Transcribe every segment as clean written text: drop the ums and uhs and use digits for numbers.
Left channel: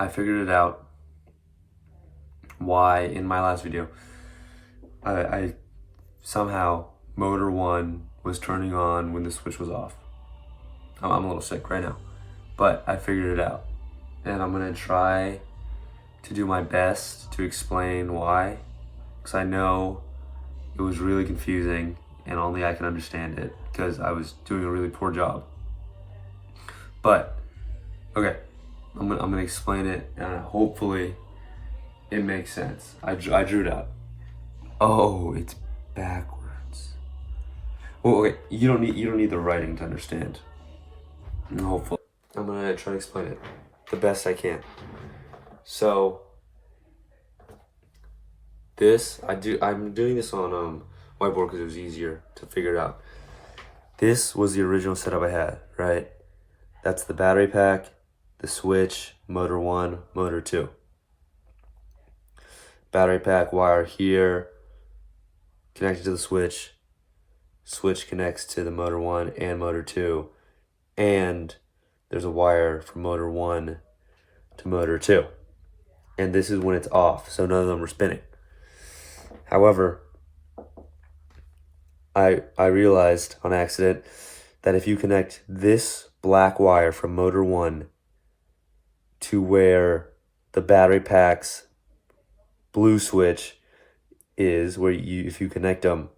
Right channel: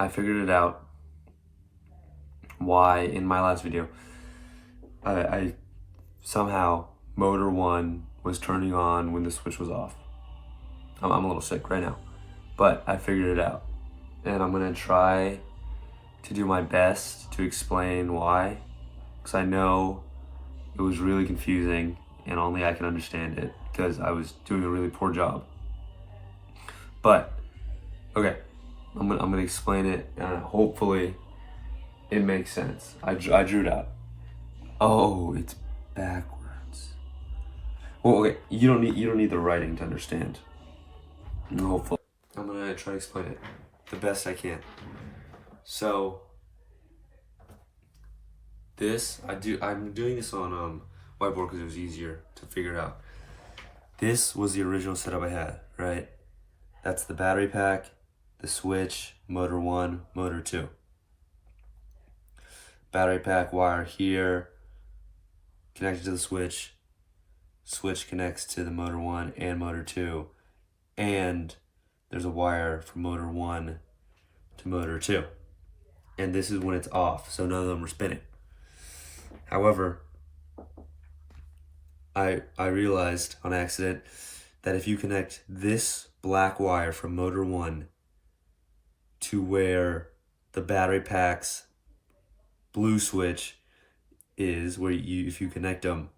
I figured it out why in my last video I somehow motor 1 was turning on when the switch was off. I'm a little sick right now, but I figured it out, and I'm gonna try to do my best to explain why, because I know it was really confusing and only I can understand it because I was doing a really poor job. But okay, I'm gonna explain it, and hopefully it makes sense. I drew it out. Oh, it's backwards. Well, okay, you don't need the writing to understand. Hopefully, I'm gonna try to explain it the best I can. So I'm doing this on whiteboard because it was easier to figure it out. This was the original setup I had, right? That's the battery pack, the switch, motor 1, motor 2. Battery pack wire here, connected to the switch. Switch connects to the motor 1 and motor 2. And there's a wire from motor 1 to motor 2. And this is when it's off, so none of them are spinning. However, I realized on accident that if you connect this black wire from motor 1 to where the battery pack's blue switch is, where if you connect them,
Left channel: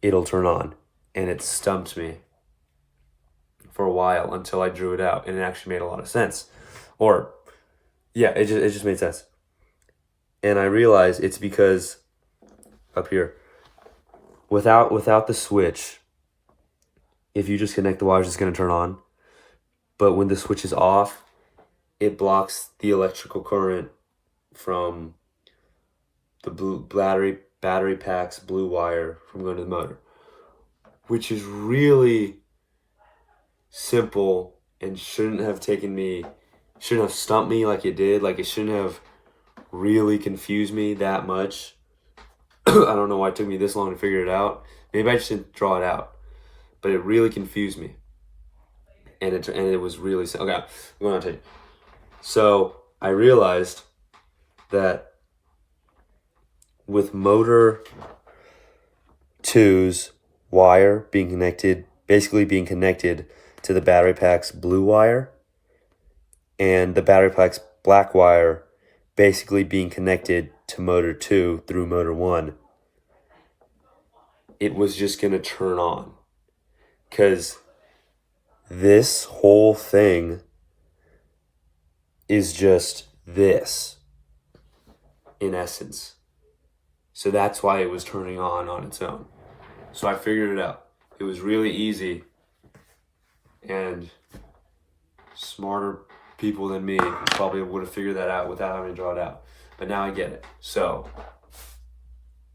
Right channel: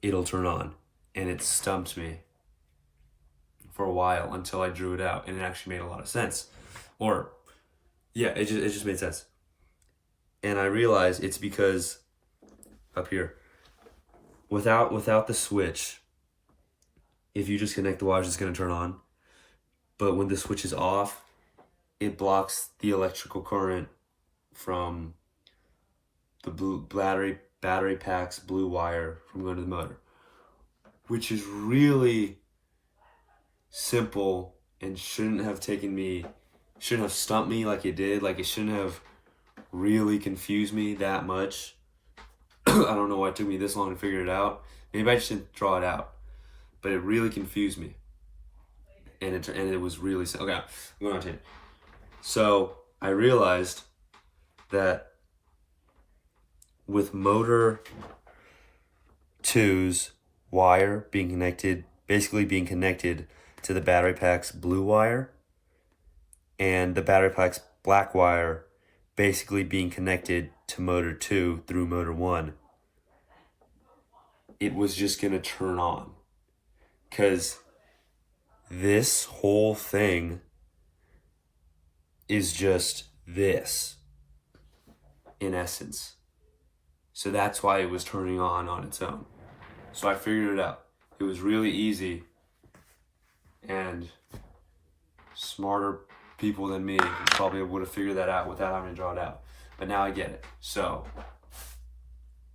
it'll turn on. And it stumped me for a while until I drew it out, and it actually made a lot of sense. Or, yeah, it just made sense. And I realized it's because up here, without the switch, if you just connect the wires, it's going to turn on. But when the switch is off, it blocks the electrical current from the battery pack's blue wire from going to the motor, which is really simple and shouldn't have stumped me like it did. Like, it shouldn't have really confused me that much. I don't know why it took me this long to figure it out. Maybe I just didn't draw it out, but it really confused me. And it was really, okay, I'm going on tape. So I realized that with motor 2's wire basically being connected to the battery pack's blue wire, and the battery pack's black wire basically being connected to motor 2 through motor 1, it was just going to turn on. Because this whole thing is just this, in essence. So that's why it was turning on its own. So I figured it out. It was really easy, and smarter people than me probably would have figured that out without having to draw it out. But now I get it. So,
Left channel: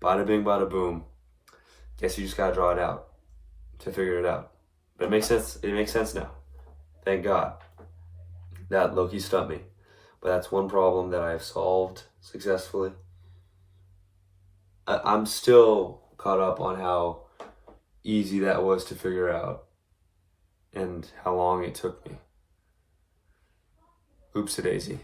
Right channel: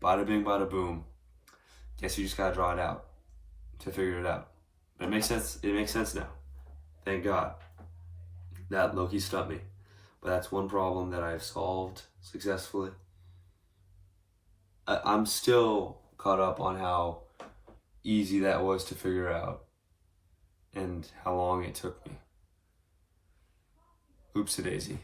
bada bing, bada boom. Guess you just gotta draw it out to figure it out. But it makes sense. It makes sense now. Thank God. That lowkey stumped me. But that's one problem that I have solved successfully. I'm still caught up on how easy that was to figure out and how long it took me. Oopsie daisy.